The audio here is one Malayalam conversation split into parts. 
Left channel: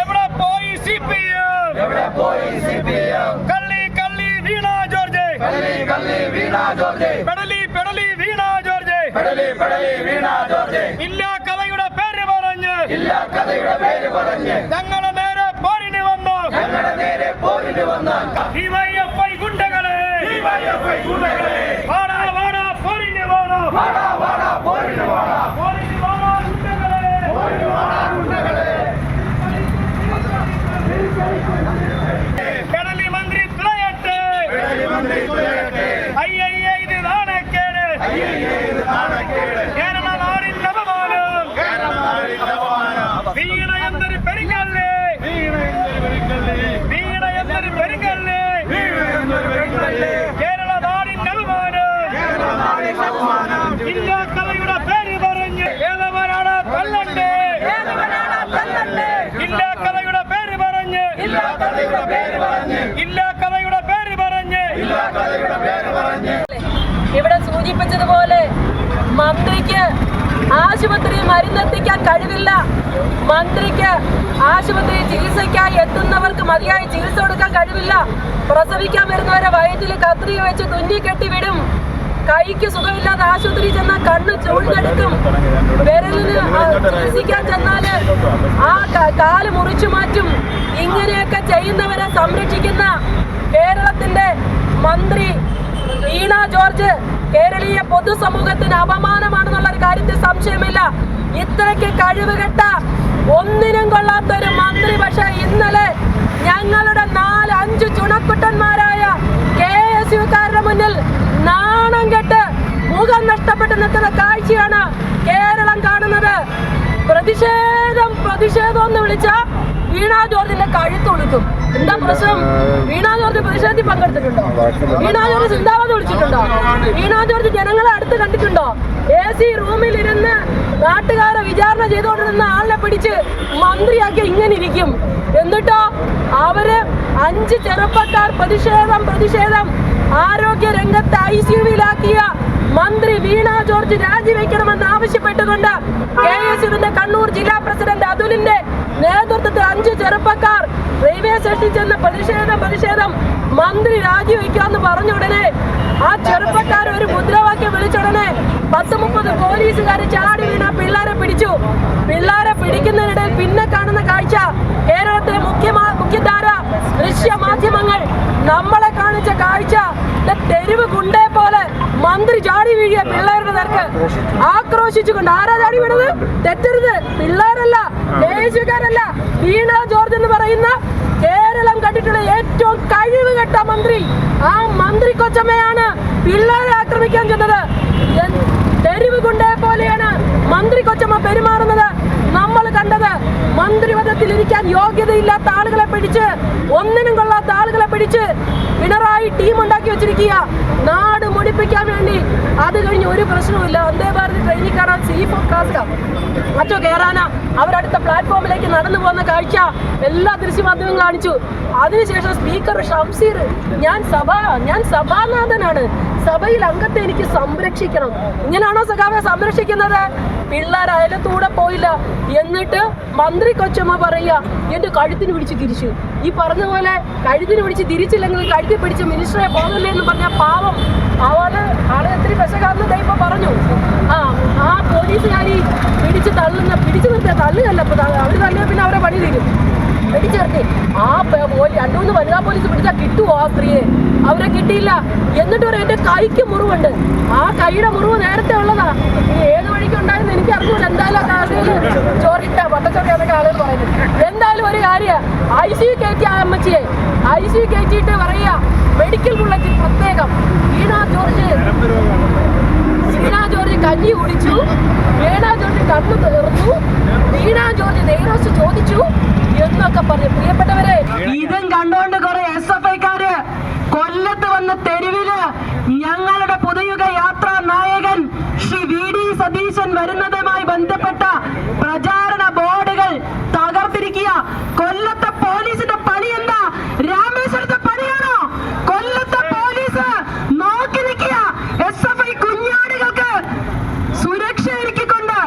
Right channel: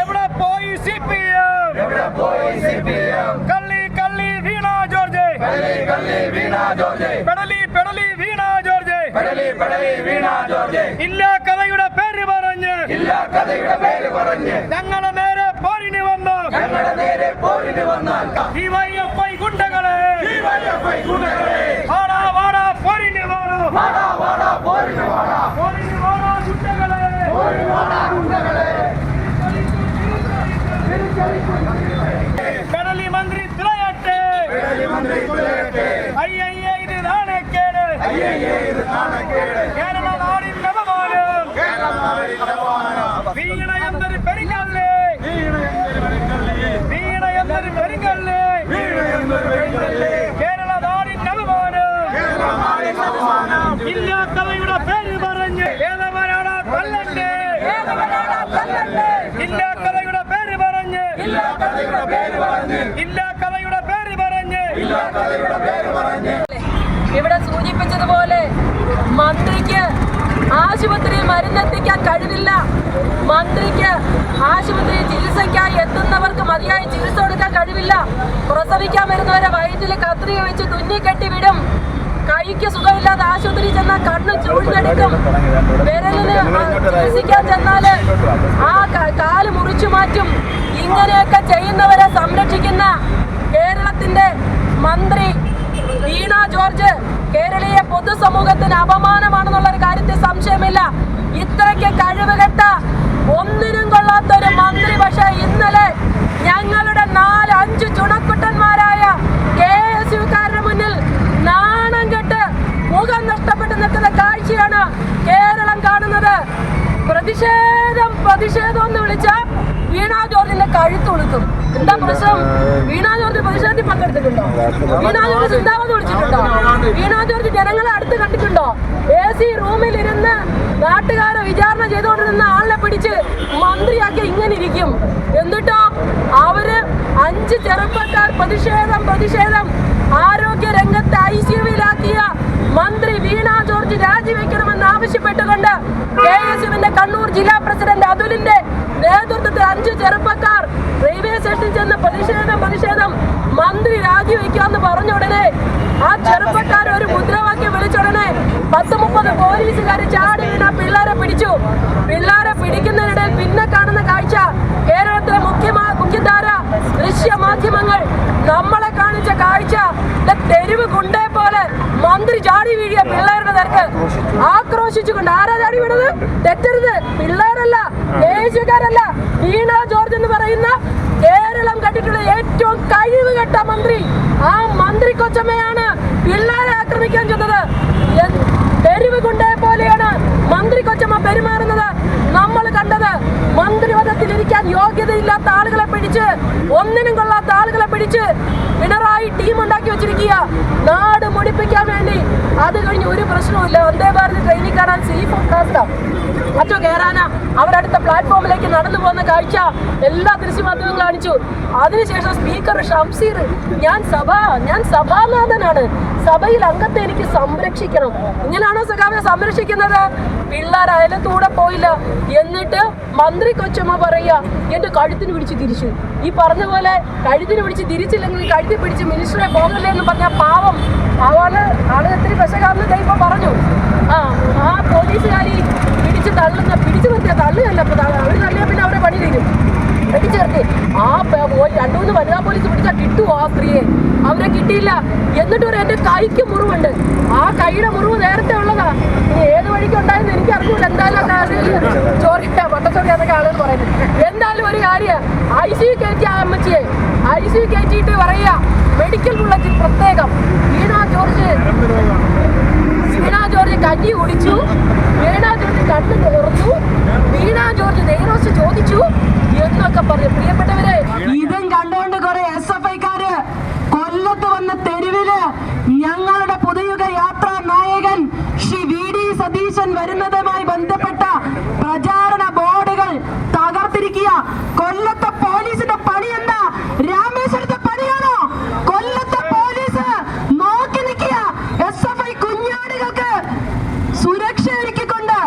എവിടെ പോയി CPM? കള്ളി കള്ളി വീണ ജോർജ്, പെടലി പെടലി വീണ ജോർജ്, ഇല്ല കഥയുടെ പേര് പറഞ്ഞ് ഞങ്ങളെ നേരെ പോരിന് വന്നു. DYFI ഗുണ്ടകളെ വാടാ വാടാ പോരിന് വന്നു. കടലി മന്ത്രി തുളയട്ടെ, ഇത് നാണക്കേട്. കേരള നാടിന്റെ അപമാനം. വീണ എന്നൊരു പെരുങ്കല്ലേ, വീണ എന്നൊരു പെരുങ്കല്ലേ, കേരള നാടിന്റെ അപമാനം. ഇല്ല കഥയുടെ പേര് പറഞ്ഞ് ഏതവനാണ് തല്ലണ്ടേ, ഇല്ല കഥയുടെ പേര് പറഞ്ഞ്, ഇല്ല കഥയുടെ പേര് പറഞ്ഞ്. ഇവിടെ സൂചിപ്പിച്ചതുപോലെ മന്ത്രിക്ക് ആശുപത്രി മരുന്നെത്തിക്കാൻ കഴിവില്ല. മന്ത്രിക്ക് ആശുപത്രി ചികിത്സയ്ക്കായി എത്തുന്നവർക്ക് മതിയായ ചികിത്സ കൊടുക്കാൻ കഴിവില്ല. പ്രസവിക്കാൻ വരുന്നവരെ വയറ്റിൽ കത്രിക വെച്ച് തുന്നിക്കെട്ടി വിടും. കൈക്ക് സുഖമില്ലാതെ ആശുപത്രി ചെന്നാൽ കണ്ണ് ചൂഴ്ന്നെടുക്കും. വിരലിന് ചികിത്സിക്കാൻ ചെന്നാല് ആ കാല് മുറിച്ചു മാറ്റും. ഇങ്ങനെയൊക്കെ ചെയ്യുന്നവരെ സംരക്ഷിക്കുന്ന കേരളത്തിന്റെ മന്ത്രി വീണ ജോർജ് കേരളീയ പൊതുസമൂഹത്തിന് അപമാനമാണെന്നുള്ളൊരു കാര്യത്തിൽ സംശയമില്ല. ഇത്രയ്ക്ക് കഴിവുകെട്ട ഒന്നിനും കൊള്ളാത്തൊരു മന്ത്രി പക്ഷേ ഇന്നലെ ഞങ്ങളുടെ 4-5 ചുണക്കുട്ടന്മാരായ KSUക്കാരുടെ മുന്നിൽ നാണം കെട്ട് മുഖം നഷ്ടപ്പെട്ട് നിൽക്കുന്ന കാഴ്ചയാണ് കേരളം കാണുന്നത്. പ്രതിഷേധം പ്രതിഷേധം എന്ന് വിളിച്ച വീണ ജോർജിന്റെ കഴുത്ത് കൊടുക്കും. എന്താ പ്രശ്നം? വീണ ജോർജ് പ്രതിഷേധത്തിൽ പങ്കെടുത്തിട്ടുണ്ടോ? വീണ ജോർജ് ചിന്താവധി വിളിച്ചിട്ടുണ്ടോ? വീണ ജോർജ് ജനങ്ങളെ അടുത്ത് കണ്ടിട്ടുണ്ടോ? AC റൂമിൽ ഇരുന്ന് നാട്ടുകാരെ വിചാരണ ചെയ്തുകൊണ്ടിരുന്ന ആളിനെ പിടിച്ച് മന്ത്രിയാക്കി ഇങ്ങനെ ഇരിക്കും. എന്നിട്ടോ അവര് 5 ചെറുപ്പക്കാർ പ്രതിഷേധം ആരോഗ്യ രംഗത്ത് ICUവിലാക്കിയ മന്ത്രി വീണ ജോർജ് രാജിവെക്കണമെന്ന് ആവശ്യപ്പെട്ടുകൊണ്ട് KSUവിന്റെ കണ്ണൂർ ജില്ലാ പ്രസിഡന്റ് അതുലിന്റെ നേതൃത്വത്തിൽ 5 ചെറുപ്പക്കാർ റെയിൽവേ സ്റ്റേഷനിൽ ചെന്ന് പ്രതിഷേധം മന്ത്രി രാജിവെക്കാന്ന് പറഞ്ഞ ഉടനെ ആ ചെറുപ്പക്കാർ ഒരു മുദ്രാവാക്യം വിളിച്ചുടനെ 10-30 പോലീസുകാർ ചാടി വീണ പിള്ളേരെ പിടിച്ചു. പിള്ളേരെ പിടിക്കുന്നതിനിടയിൽ പിന്നെ കാണുന്ന കാഴ്ച കേരളത്തിലെ മുഖ്യധാര ദൃശ്യ മാധ്യമങ്ങൾ നമ്മളെ കാണിച്ച കാഴ്ച തെരുവ് ഗുണ്ടേ പോലെ മന്ത്രി ചാടി വീഴിയ പിള്ളേരുടെ നേർക്ക് ആക്രോശിച്ചുകൊണ്ട്. ആരാ ചാടി വീണത്? തെറ്റരുത്, പിള്ളേരല്ല, KSUക്കാരല്ല, വീണ ജോർജ് എന്ന് പറയുന്ന കേരളം കണ്ടിട്ടുള്ള ഏറ്റവും കഴിവുകെട്ട മന്ത്രി. ആ മന്ത്രി കൊച്ചമ്മയാണ് പിള്ളേരെ ആക്രമിക്കാൻ ചെന്നത്. തെരുവ് ഗുണ്ടയെ പോലെയാണ് മന്ത്രി കൊച്ചമ്മ പെരുമാറുന്നത്. നമ്മൾ കണ്ടത് മന്ത്രിപദത്തിൽ ഇരിക്കാൻ യോഗ്യതയില്ലാത്ത ആളുകളെ പിടിച്ച്, ഒന്നിനും കൊള്ളാത്ത ആളുകളെ പിടിച്ച് പിണറായി ടീം ഉണ്ടാക്കി വെച്ചിരിക്കുക നാട് മുടിപ്പിക്കാൻ വേണ്ടി. അത് കഴിഞ്ഞ് ഒരു പ്രശ്നവുമില്ല. വന്ദേ ഭാരത് ട്രെയിനിൽ കാണാൻ സീഫും കാസ്റ്റാം മറ്റോ കയറാനാ അവരടുത്ത പ്ലാറ്റ്ഫോമിലേക്ക് നടന്നു പോകുന്ന കാഴ്ച എല്ലാ ദൃശ്യമാധ്യമങ്ങളും കാണിച്ചു. അതിനുശേഷം സ്പീക്കർ ഷംസീർ, ഞാൻ സഭാനാഥനാണ്, സഭയിൽ അംഗത്തെ എനിക്ക് സംരക്ഷിക്കണം. ഇങ്ങനെയാണോ സഖാവെ സംരക്ഷിക്കുന്നത്? പിള്ളേർ അയലത്തൂടെ പോയില്ല. എന്നിട്ട് മന്ത്രി കൊച്ചമ്മ പറയുക എന്റെ കഴുത്തിന് പിടിച്ച് തിരിച്ചു. ഈ പറഞ്ഞ പോലെ കഴുത്തിന് പിടിച്ച് തിരിച്ചില്ലെങ്കിൽ കഴുത്തിൽ പിടിച്ച് മിനിസ്റ്ററെ പോകല്ലേ എന്ന് പറഞ്ഞ പാവം ആള് എത്ര പെശകാന്ന് ഇപ്പൊ പറഞ്ഞു. ആ പോലീസുകാരി പിടിച്ചു നിർത്തിയ തള്ളുകല്ല. അവര് തള്ളിയ പിന്നെ അവരെ പണി തീരും. പിടിച്ചു നിർത്തി. ആ 2-3 വനിതാ പോലീസ് പിടിച്ചാൽ കിട്ടുമോ ആ സ്ത്രീയെ? അവരെ കിട്ടിയില്ല. എന്നിട്ട് എന്റെ കൈക്ക് മുറിവുണ്ട്. ആ കൈയുടെ മുറിവ് നേരത്തെ ഉള്ളതാ. ഇനി ഏത് വഴിക്ക് ഉണ്ടായെന്ന് എനിക്ക് അറിഞ്ഞൂല. എന്തായാലും വട്ടച്ചോറിയാന്നൊക്കെ ആളുകൾ പറയുന്നത്. എന്തായാലും ഒരു കാര്യം, ICU കയറ്റിയ അമ്മച്ചിയെ ICU കയറ്റിയിട്ട് പറയുക മെഡിക്കൽ ബുള്ളറ്റിൻ പ്രത്യേകം വീണ ജോർജ് കഞ്ഞി കുടിച്ചു, വീണ ജോർജ് കണ്ണു തീർന്നു, വീണ ജോർജ് നെയ്റോസ് ചോദിച്ചു എന്നൊക്കെ പറഞ്ഞു. പ്രിയപ്പെട്ടവരെ, ഇതും കണ്ടുകൊണ്ട് കുറെ SFIക്കാര് കൊല്ലത്ത് വന്ന തെരുവില് ഞങ്ങളുടെ പുതുയുഗ യാത്രാ നായകൻ ശ്രീ VD സതീശൻ വരുന്നതുമായി ബന്ധപ്പെട്ട പ്രചാരണ ബോർഡുകൾ തകർത്തിരിക്കുക. കൊല്ലത്തെ പോലീസിന്റെ പണി എന്താ? രാമേശ്വരത്തെ പണിയാണോ? കൊല്ലത്തെ പോലീസ് നോക്കി നിൽക്കുക. SFI കുഞ്ഞാടുകൾക്ക് സുരക്ഷ ഒരുക്കിക്കൊണ്ട്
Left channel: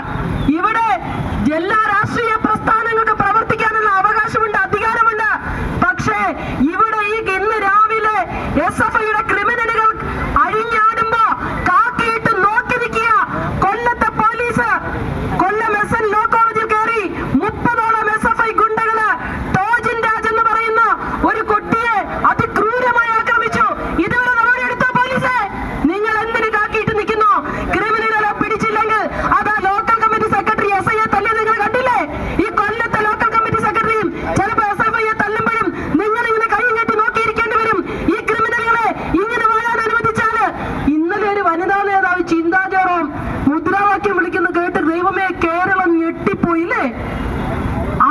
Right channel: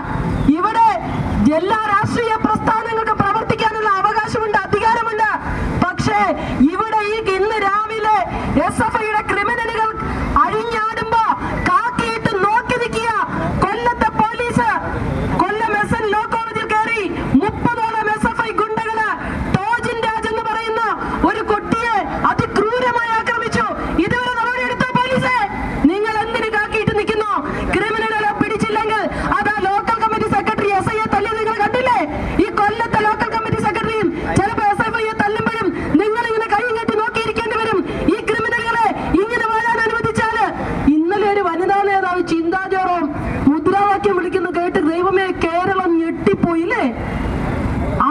ഇവിടെ എല്ലാ രാഷ്ട്രീയ അവകാശമുണ്ട്, അധികാരമുണ്ട്. പക്ഷേ ഇവിടെ ഇന്ന് രാവിലെ SFIയുടെ ക്രിമിനലുകൾ അഴിഞ്ഞാടുമ്പോ കാക്കിയിട്ട് നോക്കി നിൽക്കുക. കൊല്ലത്തെ പോലീസ് കൊല്ലം SN ലോ കോളേജിൽ കയറി 30ഓളം SFI ഗുണ്ടകള് ടോജിൻ രാജ് എന്ന് പറയുന്ന ഒരു കുട്ടിയെ അതിക്രൂരമായി ആക്രമിച്ചു. ഇതുവരെ നടപടി എടുത്ത പോലീസ് നിങ്ങൾ എന്തിനു കാക്കിയിട്ട് നിൽക്കുന്നു? ക്രിമിനലുകളെ പിടിച്ചില്ലെങ്കിൽ അതാ ലോക്കൽ കമ്മിറ്റി സെക്രട്ടറി SIയെ തല്ലി നിങ്ങൾ കണ്ടില്ലേ? ഈ കൊല്ലത്തെ ലോക്കൽ കമ്മിറ്റി സെക്രട്ടറിയും ചിലപ്പോൾ SFIയെ തല്ലുമ്പോഴും നിങ്ങൾ ഇങ്ങനെ കൈയും കെട്ടി നോക്കിയിരിക്കേണ്ടി വരും. ഈ ക്രിമിനലുകളെ ഇങ്ങനെ വരാൻ അനുവദിച്ചാല് ഇന്നലെ ഒരു വനിതാ നേതാവ് ചിന്താ ജെറോം മുദ്രാവാക്യം വിളിക്കുന്ന കേട്ട് ദൈവമേ കേരളം ഞെട്ടിപ്പോയില്ലേ?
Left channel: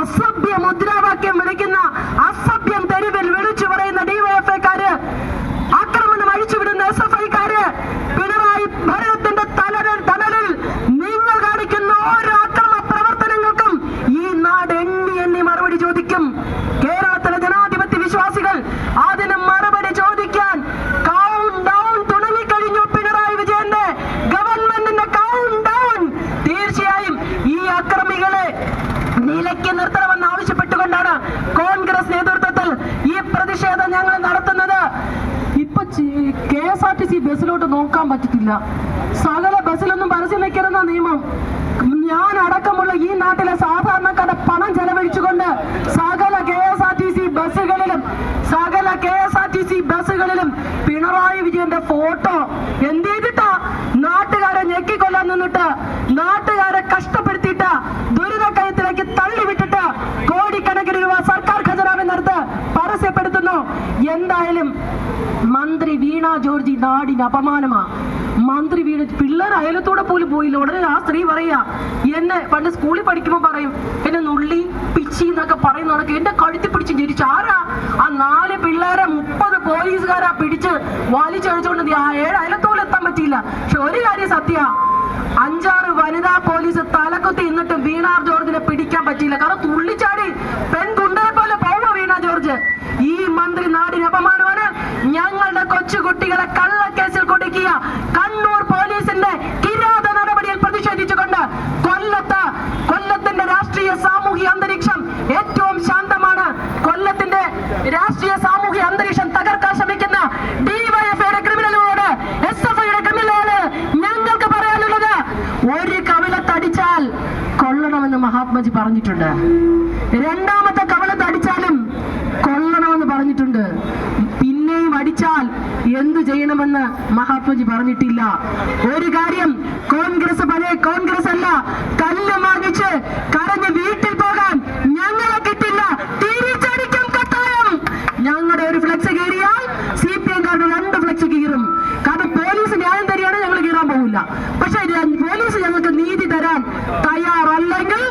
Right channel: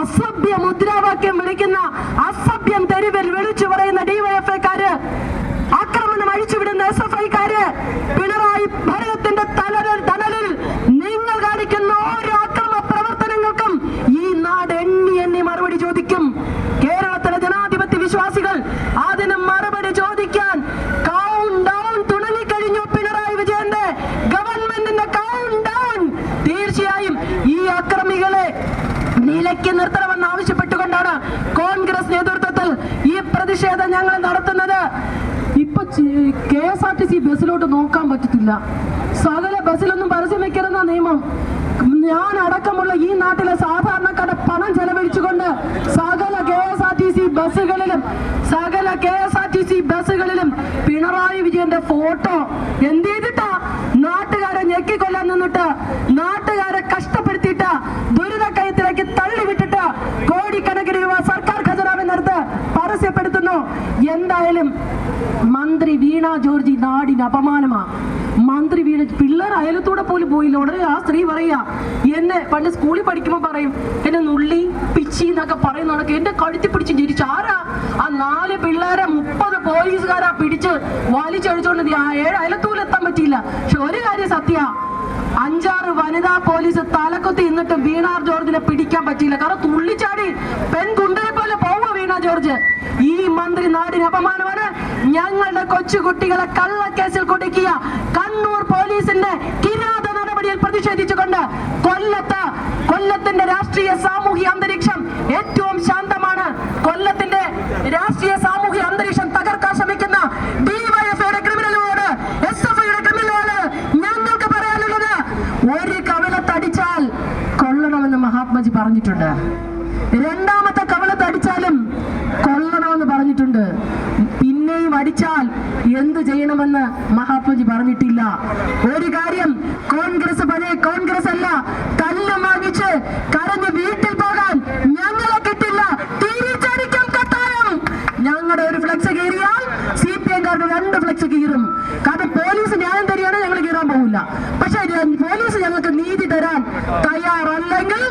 അസഭ്യ മുദ്രാവാക്യം വിളിക്കുന്ന അസഭ്യം തെരുവിൽ വിളിച്ചു പറയുന്ന DYFIക്കാര്, ആക്രമണം അഴിച്ചുവിടുന്ന SFIക്കാര്, പിണറായി ഭരണത്തിന്റെ തണലിൽ നിങ്ങൾ കാണിക്കുന്ന ഓരോ അക്രമ പ്രവർത്തനങ്ങൾക്കും ഈ നാട് എണ്ണി മറുപടി ചോദിക്കും. കേരളത്തിലെ ജനാധിപത്യ വിശ്വാസികൾ അതിന് മറുപടി ചോദിക്കാൻ കൗണ്ട് ഡൗൺ തുടങ്ങിക്കഴിഞ്ഞു. പിണറായി വിജയന്റെ ഗവൺമെന്റിന്റെ കൗണ്ട് ഡൗൺ. തീർച്ചയായും ഈ അക്രമികളെ നിലയ്ക്ക് നിർത്തണമെന്ന് ആവശ്യപ്പെട്ടുകൊണ്ടാണ് കോൺഗ്രസ് നേതൃത്വത്തിൽ ഈ പ്രതിഷേധം ഞങ്ങൾ നടത്തുന്നത്. ഇപ്പൊ KSRTC ബസ്സിലോട്ട് നോക്കാൻ പറ്റത്തില്ല. സകല ബസ്സിലൊന്നും പരസ്യം വെക്കരുന്ന നിയമം. ഞാൻ അടക്കമുള്ള ഈ നാട്ടിലെ സാധാരണക്കാരുടെ പണം ചെലവഴിച്ചുകൊണ്ട് സകല KSRTC ബസ്സുകളിലും പിണറായി വിജയന്റെ ഫോട്ടോ എന്ത് ചെയ്തിട്ടാ? നാട്ടുകാരെ ഞെക്കിക്കൊല്ലാൻ നിന്നിട്ട്, നാട്ടുകാരെ കഷ്ടപ്പെടുത്തിയിട്ട്, ദുരിതക്കയത്തിലേക്ക് തള്ളിവിട്ടിട്ട് കോടിക്കണക്കിന് രൂപ സർക്കാർ ഖജനാവിനടുത്ത് പരസ്യപ്പെടുത്തുന്നു. എന്തായാലും മന്ത്രി വീണ ജോർജ് നാടിന് അപമാനമാ. മന്ത്രി വീണ പിള്ളേർ അയലത്തൂടെ പോലും പോയില്ല. ഉടനെ ആ സ്ത്രീ പറയാ, എന്നെ പണ്ട് സ്കൂളിൽ പഠിക്കുമ്പോൾ പറയും എന്നെ നുള്ളി പിച്ചി എന്നൊക്കെ പറയുന്നതൊക്കെ എന്റെ കഴുത്തി പിടിച്ച് ചിരിച്ചു. ആരാ? ആ 4 പിള്ളേരെ 30 പോലീസുകാരാ പിടിച്ച് വലിച്ചഴിച്ചോണ്ട് 7 അയലത്തൂരിലെത്താൻ പറ്റിയില്ല. പക്ഷെ ഒരു കാര്യം സത്യ, 5-6 വനിതാ പോലീസ് തലക്കൊത്തി ഇന്നിട്ട് വീണ ജോർജിനെ പിടിക്കാൻ പറ്റിയില്ല. കാരണം തുള്ളിച്ചാടി പെൺകുണ്ടയെ പോലെ പോവ വീണ ജോർജ്. ഈ മന്ത്രി നാടിന് അപമാനമാണ്. ഞങ്ങളുടെ കൊച്ചുകുട്ടികളെ കള്ളക്കേസിൽ കുടുക്കിയ കണ്ണൂർ പോലീസിന്റെ കിരാത നടപടിയിൽ പ്രതിഷേധിച്ചുകൊണ്ട് കൊല്ലത്തിന്റെ രാഷ്ട്രീയ സാമൂഹിക അന്തരീക്ഷം ഏറ്റവും ശാന്തമാണ്. കൊല്ലത്തിന്റെ രാഷ്ട്രീയ സാമൂഹിക അന്തരീക്ഷം തകർക്കാൻ ശ്രമിക്കുന്ന DYFIയുടെ ക്രിമിനലുകളോട്, SFIയുടെ ക്രിമിനലുകളോട് ഞങ്ങൾക്ക് പറയാനുള്ളത്, ഒരു കവിളത്തടിച്ചാൽ കൊല്ലണമെന്ന് മഹാത്മജി പറഞ്ഞിട്ടുണ്ട്. രണ്ടാമത്തെ കവിളത്തടിച്ചാലും കൊല്ലണമെന്ന് പറഞ്ഞിട്ടുണ്ട്. പിന്നെയും അടിച്ചാൽ എന്ത് ചെയ്യണമെന്ന് മഹാത്മജി പറഞ്ഞിട്ടില്ല. ഒരു കാര്യം, കോൺഗ്രസ് പഴയ കോൺഗ്രസ് അല്ല. കല്ല് വാങ്ങിച്ച് കരഞ്ഞ് വീട്ടിൽ പോകാൻ ഞങ്ങളെ കിട്ടില്ല. തിരിച്ചടിക്കും കട്ടായം. ഞങ്ങളുടെ ഒരു ഫ്ലെക്സ് കയറിയാൽ CPM-കാരുടെ 2 ഫ്ലെക്സ് കീറും. കാരണം പോലീസ് ന്യായം തരികയാണ്, ഞങ്ങൾ കീറാൻ പോകില്ല. പക്ഷെ പോലീസ് ഞങ്ങൾക്ക് നീതി തരാൻ തയ്യാറല്ലെങ്കിൽ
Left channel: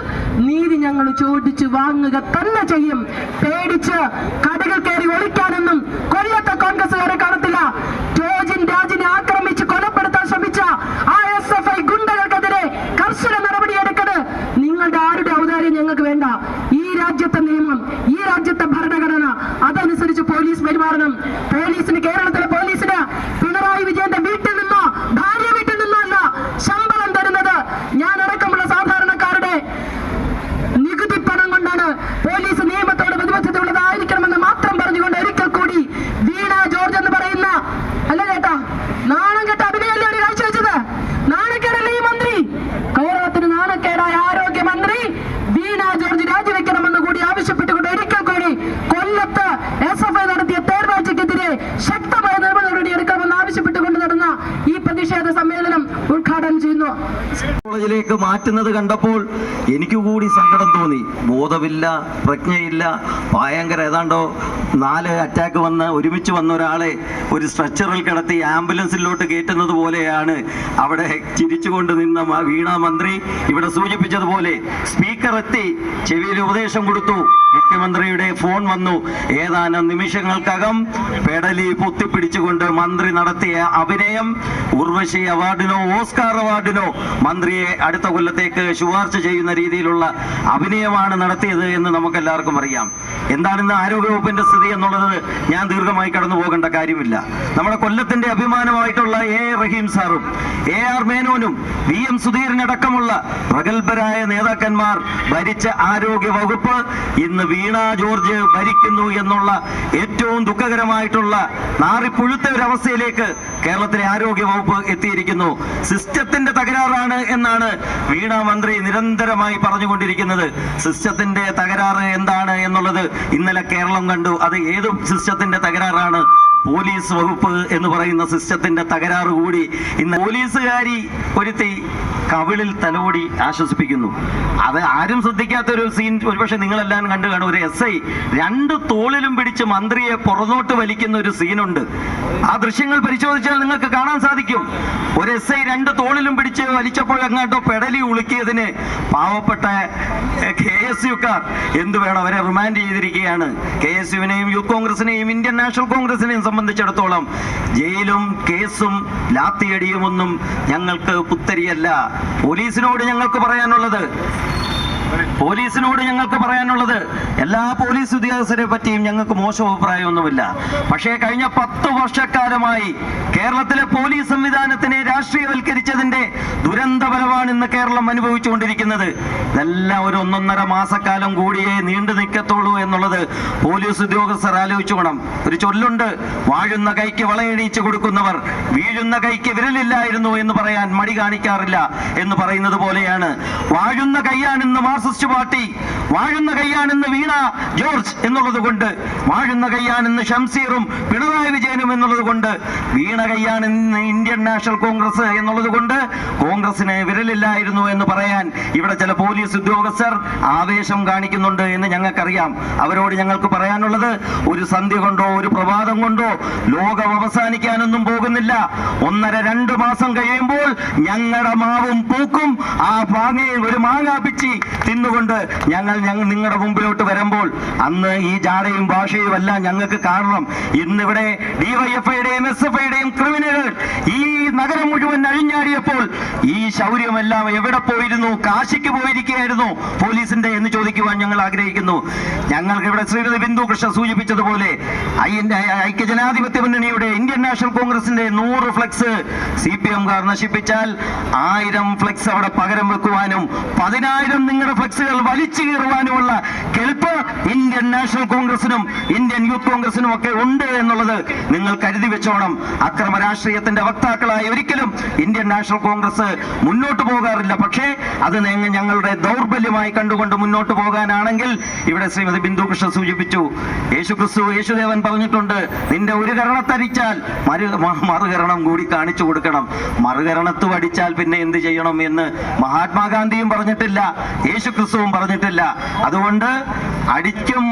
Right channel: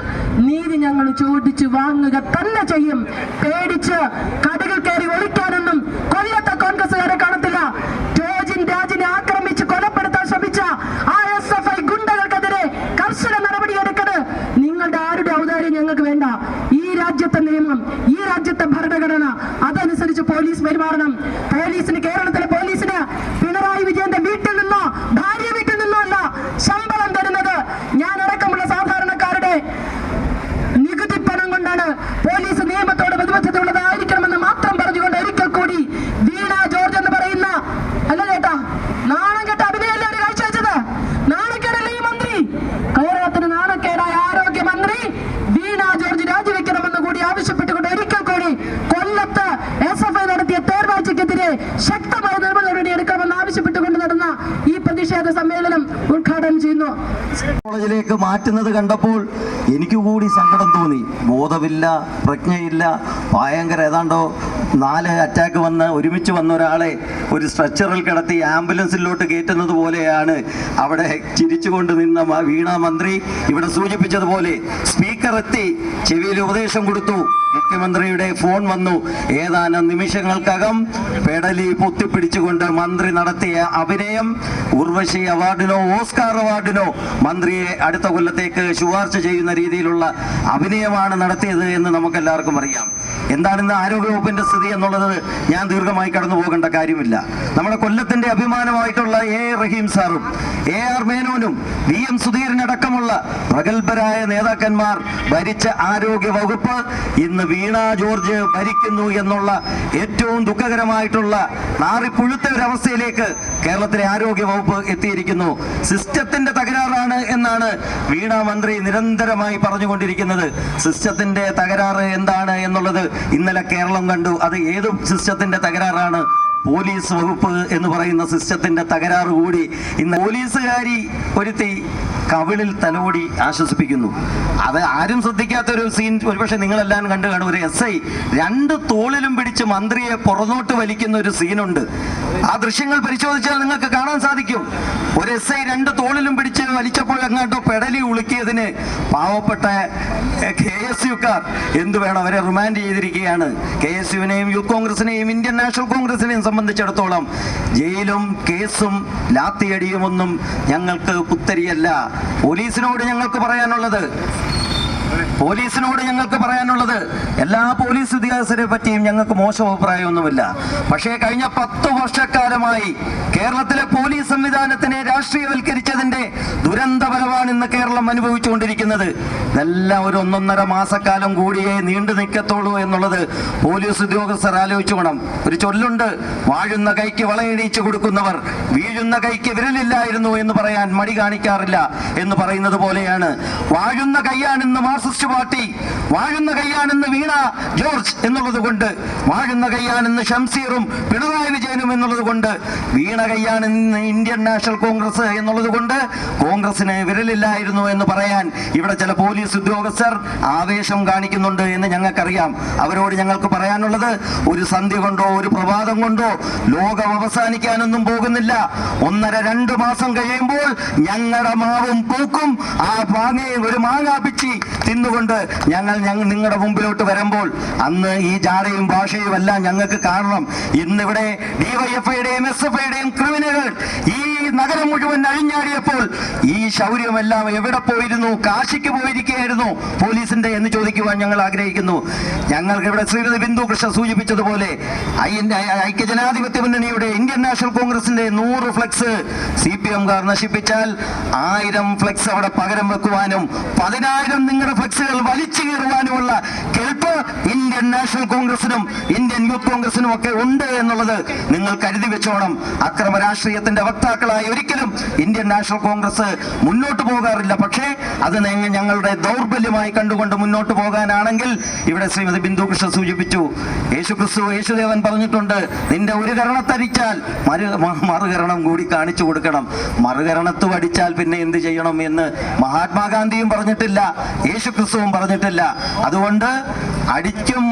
നീതി ഞങ്ങൾ ചോദിച്ചു വാങ്ങുക തന്നെ ചെയ്യും. പേടിച്ച് കടകൾ കയറി ഒളിക്കാനൊന്നും കൊല്ലത്തെ കോൺഗ്രസുകാരെ കാണത്തില്ല. ടോജിൻ രാജിനെ ആക്രമിച്ച് കൊലപ്പെടുത്താൻ ശ്രമിച്ച ആ SFI ഗുണ്ടകൾക്കെതിരെ കർശന നടപടിയെടുക്കരുത്. നിങ്ങളുടെ ആരുടെ ഔദാര്യം ഞങ്ങൾക്ക് വേണ്ട. ഈ രാജ്യത്തെ നിയമം, ഈ രാജ്യത്തെ ഭരണഘടന, അതനുസരിച്ച് പോലീസ് പെരുമാറണം. പോലീസിന്, കേരളത്തിലെ പോലീസിന് പിണറായി വിജയന്റെ വീട്ടിൽ നിന്നോ ഭാര്യ വീട്ടിൽ നിന്നോ അല്ല ശമ്പളം തരുന്നത്. ഞാൻ അടക്കമുള്ള സാധാരണക്കാരുടെ നികുതി പണം കൊണ്ടാണ്. പോലീസ് നിയമത്തോട് പ്രതിബദ്ധതയുള്ളതായിരിക്കണമെന്ന് മാത്രം പറഞ്ഞുകൊണ്ട് ഒരിക്കൽ കൂടി വീണ ജോർജ് എന്ന് പറയുന്ന, അല്ല ചേട്ടാ, നാണം കെട്ട അഭിനയല്ലേ ഒരു കാഴ്ചവെച്ചത്? നാണക്കേടല്ലേ ഈ മന്ത്രി? കേരളത്തിന് നാണക്കേടായ ആരോഗ്യമന്ത്രി വീണ ജോർജ് രാജിവെക്കണമെന്ന് കൂടി ആവശ്യപ്പെട്ടുകൊണ്ട് ഒരിക്കൽ കൂടി കൊല്ലത്ത് SFI നടത്തിയ തേർവാഴ്ചക്കെതിരെ ശക്തമായ നടപടി എടുക്കണമെന്ന് ആവശ്യപ്പെട്ടുകൊണ്ട് നടന്ന ഈ പ്രതിഷേധ സമ്മേളനം ഉദ്ഘാടനം ചെയ്യുന്നു. കോളേജിലേക്ക് മാറ്റുന്നത് കണ്ടപ്പോൾ എനിക്ക് കൂടി സങ്കടം തോന്നി. ബോധമില്ല, പ്രജ്ഞയില്ല, ഭയങ്കര ഏതാണ്ടോ 4 അറ്റാക്ക് വന്ന് ഒരുമിച്ച് വന്ന ഒരാളെ ഒരു സ്ട്രെച്ചറിൽ കിടത്തി ആംബുലൻസിലോട്ട് കയറ്റുന്നത് പോലെയാണ് അവിടെ ചിരിച്ചുകൊണ്ട് നിന്ന വീണ മന്ത്രി. ഇവിടെ സൂചിപ്പിച്ചതുപോലെ സ്പീക്കർ എത്തി, ചെവിയിൽ ഉപദേശം കൊടുത്തു. മുഖ്യമന്ത്രിയുടെ ഫോൺ വന്നു. ഏതാനും നിമിഷങ്ങൾക്കകം പെടലി പൊത്തിപ്പിടിച്ചുകൊണ്ട് മന്ത്രി നടത്തിയ അഭിനയം ഉർവശി അവാർഡിനോ ഓസ്കാർ അവാർഡിനോ മന്ത്രിയെ അടുത്ത കൊല്ലത്തേക്ക് ശുപാർശ ചെയ്യുന്ന രീതിയിലുള്ള അഭിനയമാണ് നടത്തിയത് എന്ന് നമുക്കെല്ലാവർക്കും അറിയാം. എന്താണെന്ന് ആരോഗ്യവകുപ്പിന്റെ സ്ഥിതി എന്നുള്ളത് ഞാൻ ദീർഘമായി കടന്നു പോകേണ്ട കാര്യമില്ല. നമ്മുടെ കൊല്ലത്തിന്റെ അഭിമാനമായിട്ടുള്ള റഹീം സാറും AR മേനോനും VM സുധീരനടക്കമുള്ള പ്രഗത്ഭരായ നേതാക്കന്മാർ ഭരിച്ച ആരോഗ്യ വകുപ്പ് ഇന്ന് വീണ ജോർജ് ഭരിക്കുന്നു എന്നുള്ള ഏറ്റവും ദുഃഖകരമായിട്ടുള്ള നാറിപ്പുഴുത്ത ഒരു അവസ്ഥയിലേക്ക് കേരളത്തിലെ ആരോഗ്യ വകുപ്പ് എത്തിയിരിക്കുന്നു. സിസ്റ്റത്തിന്റെ തകരാറാണ് എന്നാണ് വീണ മന്ത്രി നിരന്തരമായി പറഞ്ഞുകൊണ്ടിരിക്കുന്നത്. സിസ്റ്റത്തിന്റെ തകരാറ് എന്താണ് എന്നുള്ളത് ഇന്നലെ കേരളം കണ്ടു. അത് ഏത് സിസ്റ്റത്തിന്റെ തകരാറാണ്? പോലീസ് വകുപ്പ് എന്ന് പറയുന്ന സിസ്റ്റത്തിന്റെ തകരാറ് കൂടി ഇന്ന് പോലീസുകാരി ഒരുത്തി കവിളിൽ തലോടി ആശ്വസിപ്പിക്കുന്നു. അത് ആരും ശ്രദ്ധിക്കാത്തൊരു സീൻ ഒരുപക്ഷെ നിങ്ങളെല്ലാം കണ്ടു കാണും. ഒരു SI 2 തോളിലും പിടിച്ച് മന്ത്രിയെ പുറന്നോട്ട് വലിക്കുന്ന ഒരു സീനുണ്ട്. ആ ദൃശ്യങ്ങൾ പരിശോധിച്ചാൽ നിങ്ങൾക്ക് കാണാൻ സാധിക്കും. ഒരു SI 2 തോളിലും പിടിച്ച് വലിച്ചപ്പോഴെങ്ങാട്ടോ പെടലി ഉളുക്കിയതിന് പാവപ്പെട്ട KSUക്കാർ എന്തു വേണം, അവരെ റിമാൻഡ് ചെയ്തിരിക്കുകയാണ്. KSUവിനെയും യൂത്ത് കോൺഗ്രസിനെയും ഇന്ത്യൻ നാഷണൽ കോൺഗ്രസിനെയും സംബന്ധിച്ചിടത്തോളം ജയിലും കേസും ലാത്തിയടിയും ഒന്നും ഞങ്ങൾക്ക് പുത്തരിയല്ല. പോലീസിനോട് ഞങ്ങൾക്ക് പറയാനുള്ളത് എല്ലാ പോലീസ് ഉദ്യോഗസ്ഥരെ പറ്റിയും ഞങ്ങൾക്ക് മോശം അഭിപ്രായമൊന്നുമില്ല. പക്ഷേ കഴിഞ്ഞ 10 വർഷക്കാലമായി കേരളത്തിലെ പോലീസ് സംവിധാനത്തിനെ രാഷ്ട്രീയവൽക്കരിച്ചതിന്റെ ദുരന്ത ഫലമാണ് ഇന്ന് കേരളം അനുഭവിച്ചുകൊണ്ടിരിക്കുന്നത്. എല്ലാം ഒരു 1.5 മാസക്കാലം കൂടിയേ നീണ്ടു നിൽക്കത്തുള്ളൂ എന്നുള്ളത് പോലീസ് ഉദ്യോഗസ്ഥർ ആലോചിച്ചോണം. ഒരു ചൊല്ലുണ്ട്, വാഴുന്ന കൈക്ക് വളയണിയിച്ചു കൊടുക്കുന്നവർ വീഴുന്ന കൈക്ക് വിരലില്ലായിരുന്നു എന്ന് പറയാൻ മടി കാണിക്കാറില്ല എന്ന് പറയുന്നത് പോലെയാണ്. വാഴുന്ന കൈയാണിന്ന് മാർക്സിസ്റ്റ് പാർട്ടി, വാഴുന്ന കൈയാണെന്ന് വീണ ജോർജ് എന്നുള്ളത് കൊണ്ട്, വാഴുന്ന കൈയാണെന്ന് ഷംസീറും പിണറായി വിജയനും എന്നുള്ളത് കൊണ്ട്, വീണ കൈയാണെന്ന് ഇന്ത്യൻ നാഷണൽ കോൺഗ്രസ് എന്നുള്ളത് കൊണ്ട് കോൺഗ്രസിന് വിരലില്ലായിരുന്നു എന്ന് പറയാൻ ഇവിടെ ചില പോലീസ് ഉദ്യോഗസ്ഥർ ആവേശം കാണിക്കുന്നുണ്ട് എന്ന് ഞങ്ങൾക്കറിയാം. അവരോട് ഞങ്ങൾക്ക് പറയാനുള്ളത്, ഒരു സന്ധ്യ കൊണ്ടോ ഒരു പ്രഭാതം കൊണ്ടോ ലോകം അവസാനിക്കാനൊന്നും പോകുന്നില്ല. 1.5-2 മാസം കഴിയുമ്പോൾ ഞങ്ങളുടെ മാവും പൂക്കും. ആ ഒരു മാങ്ങാ പിച്ചി തിന്നുകൊണ്ട് ഞങ്ങൾ നിങ്ങളുടെ മുമ്പിലോട്ട് വരുമ്പോൾ അന്ന് ഈ ജാടയും ഭാഷയും എല്ലാം ഞങ്ങൾക്ക് കാണണം. ഇന്നിവിടെ DYFIയുടെയും SFIയുടെയും ക്രിമിനലുകൾ ഈ നഗരം മുഴുവൻ അഴിഞ്ഞാടിയപ്പോൾ ഈ ശൗര്യമെല്ലാം എവിടെ പോയിരുന്നു? കാശിക്ക് പോയിരിക്കുകയായിരുന്നു പോലീസിന്റെ എന്ന് ചോദിക്കുവാൻ ഞങ്ങൾ ആഗ്രഹിക്കുന്നു. ഞങ്ങൾക്ക് ഇവിടെ ശ്രീമതി ബിന്ദു കൃഷ്ണ സൂചിപ്പിച്ചതുപോലെ ഐക്യജനാധിപത്യ മുന്നണിയുടെ ഇന്ത്യൻ നാഷണൽ കോൺഗ്രസിന്റെ 100 ഫ്ലെക്സ് CPM-കാർ നശിപ്പിച്ചാൽ 1000 ഫ്ലെക്സ് അവിടെ പകരം വെക്കുവാനും 10,000 നിങ്ങളുടെ ഫ്ലെക്സുകൾ വലിച്ചു കയറുവാനുമുള്ള കെൽപ്പ് ഇന്ത്യൻ നാഷണൽ കോൺഗ്രസിനും ഇന്ത്യൻ യൂത്ത് കോൺഗ്രസിനും ഒക്കെ ഉണ്ട് എന്നുള്ളത് നിങ്ങൾ കരുതി വെച്ചോണം. അക്രമ രാഷ്ട്രീയത്തിന്റെ വക്താക്കളായി ഒരിക്കലും ഇന്ത്യൻ നാഷണൽ കോൺഗ്രസ് മുന്നോട്ട് പോകാറില്ല. പക്ഷേ അത് ഞങ്ങളുടെ ദൗർബല്യമായി കണ്ടുകൊണ്ട് മുന്നോട്ട് പോകാനാണെങ്കിൽ, ഇവിടെ ശ്രീമതി ബിന്ദു കൃഷ്ണ സൂചിപ്പിച്ചു, യേശുദേവൻ പറഞ്ഞിട്ടുണ്ട്, നിന്റെ ഒരു കരണത്തടിച്ചാൽ മറുകരണം കൂടി കാണിച്ചു കൊടുക്കണം. മറുകരണത്തു അടിച്ചാൽ പിന്നെ എന്ത് ചെയ്യണം എന്ന് മഹാത്മാഗാന്ധിയും പറഞ്ഞിട്ടില്ല, യേശുക്രിസ്തുവും പറഞ്ഞിട്ടില്ല. അതുകൊണ്ട്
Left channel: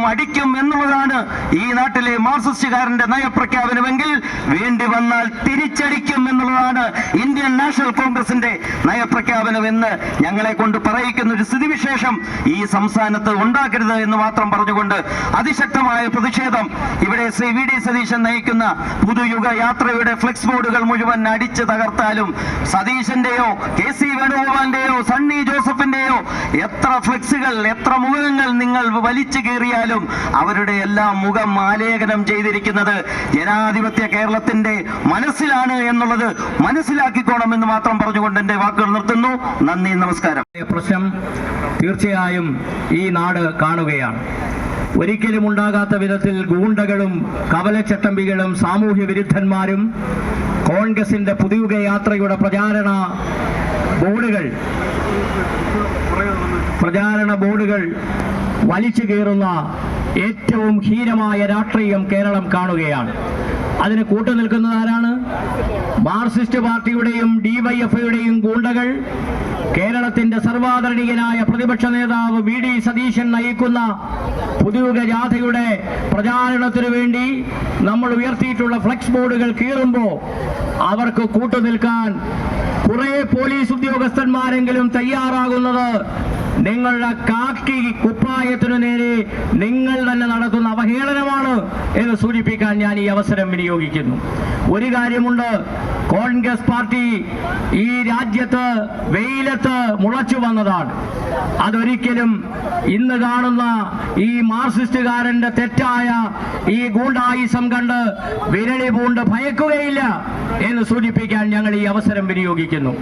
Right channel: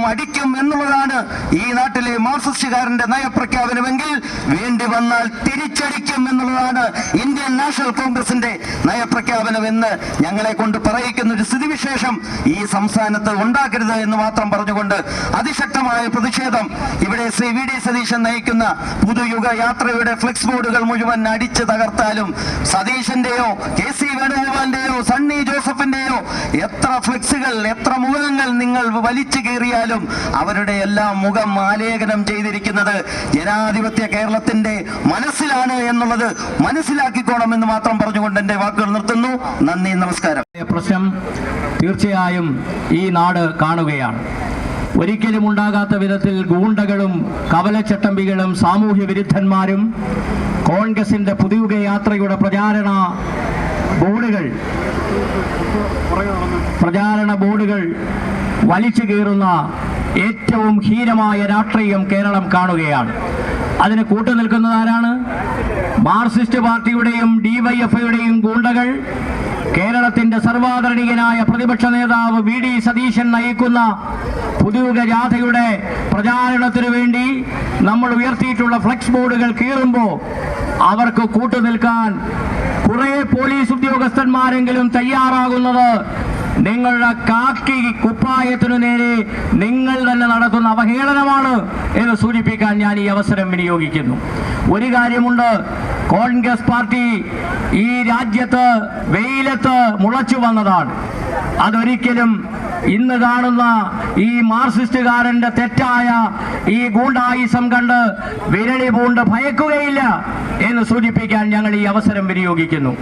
അടിക്കും എന്നുള്ളതാണ് ഈ നാട്ടിലെ മാർക്സിസ്റ്റുകാരന്റെ നയപ്രഖ്യാപനമെങ്കിൽ വേണ്ടി വന്നാൽ തിരിച്ചടിക്കും എന്നുള്ളതാണ് ഇന്ത്യൻ നാഷണൽ കോൺഗ്രസിന്റെ നയപ്രഖ്യാപനം എന്ന് ഞങ്ങളെ കൊണ്ട് പറയിക്കുന്ന ഒരു സ്ഥിതിവിശേഷം ഈ സംസ്ഥാനത്ത് ഉണ്ടാക്കരുത് എന്ന് മാത്രം പറഞ്ഞുകൊണ്ട് അതിശക്തമായ പ്രതിഷേധം ഇവിടെ ശ്രീ VD സതീശൻ നയിക്കുന്ന പുതുയുഗ യാത്രയുടെ ഫ്ലെക്സ് ബോർഡുകൾ മുഴുവൻ അടിച്ചു തകർത്താലും, സതീശന്റെയോ KC വേണുഗോപാലിന്റെയോ സണ്ണി ജോസഫിന്റെയോ എത്ര ഫ്ലെക്സുകൾ, എത്ര മുഖങ്ങൾ നിങ്ങൾ വലിച്ചു കീറിയാലും അവരുടെ എല്ലാം മുഖം ആലേഖനം ചെയ്തിരിക്കുന്നത് ജനാധിപത്യ കേരളത്തിന്റെ മനസ്സിലാണ് എന്നുള്ളത് മനസ്സിലാക്കിക്കോണമെന്ന് മാത്രം പറഞ്ഞുകൊണ്ട് എന്റെ വാക്കുകൾ നിർത്തുന്നു. നന്ദി, നമസ്കാരം. പ്രശ്നം തീർച്ചയായും ഈ നാട് കാണുകയാണ്. ഒരിക്കലും ഉണ്ടാകാത്ത വിധത്തിൽ ഗൂണ്ടകളും കവലച്ചട്ടമ്പികളും സാമൂഹ്യ വിരുദ്ധന്മാരും കോൺഗ്രസിന്റെ പുതുയുഗ യാത്രയുടെ പ്രചാരണ ബോർഡുകൾ വലിച്ചു കീറുന്ന ഏറ്റവും ഹീനമായ രാഷ്ട്രീയം കേരളം കാണുകയാണ്. അതിന് കൂട്ടുനിൽക്കുന്നത് ആരാണ്? മാർക്സിസ്റ്റ് പാർട്ടിയുടെയും DYFIയുടെയും ഗൂണ്ടകൾ. കേരളത്തിന്റെ സർവാദരണീയനായ പ്രതിപക്ഷ നേതാവ് VD സതീശൻ നയിക്കുന്ന പുതുയുഗ ജാഥയുടെ പ്രചാരണത്തിനു വേണ്ടി നമ്മൾ ഉയർത്തിയിട്ടുള്ള ഫ്ലെക്സ് ബോർഡുകൾ കീറുമ്പോൾ അവർക്ക് കൂട്ടുനിൽക്കാൻ കുറെ പോലീസ് ഉദ്യോഗസ്ഥന്മാരെങ്കിലും തയ്യാറാകുന്നത് നിങ്ങളുടെ കാക്കി കുപ്പായത്തിനു നേരെ നിങ്ങൾ തന്നെ നടത്തുന്ന അവഹേളനമാണ് എന്ന് സൂചിപ്പിക്കാൻ ഞാൻ ഈ അവസരം വിനിയോഗിക്കുന്നു. ഒരു കാര്യമുണ്ട്, കോൺഗ്രസ് പാർട്ടി ഈ രാജ്യത്ത് വെയിലത്ത് മുളച്ചു വന്നതാണ്. അതൊരിക്കലും ഇന്ന് കാണുന്ന ഈ മാർക്സിസ്റ്റുകാരന്റെ തെറ്റായ ഈ ഗൂണ്ടായിസം കണ്ട് വിരളി പൂണ്ട് ഭയക്കുകയില്ല എന്ന് സൂചിപ്പിക്കാൻ ഞങ്ങൾ ഈ അവസരം വിനിയോഗിക്കുന്നു.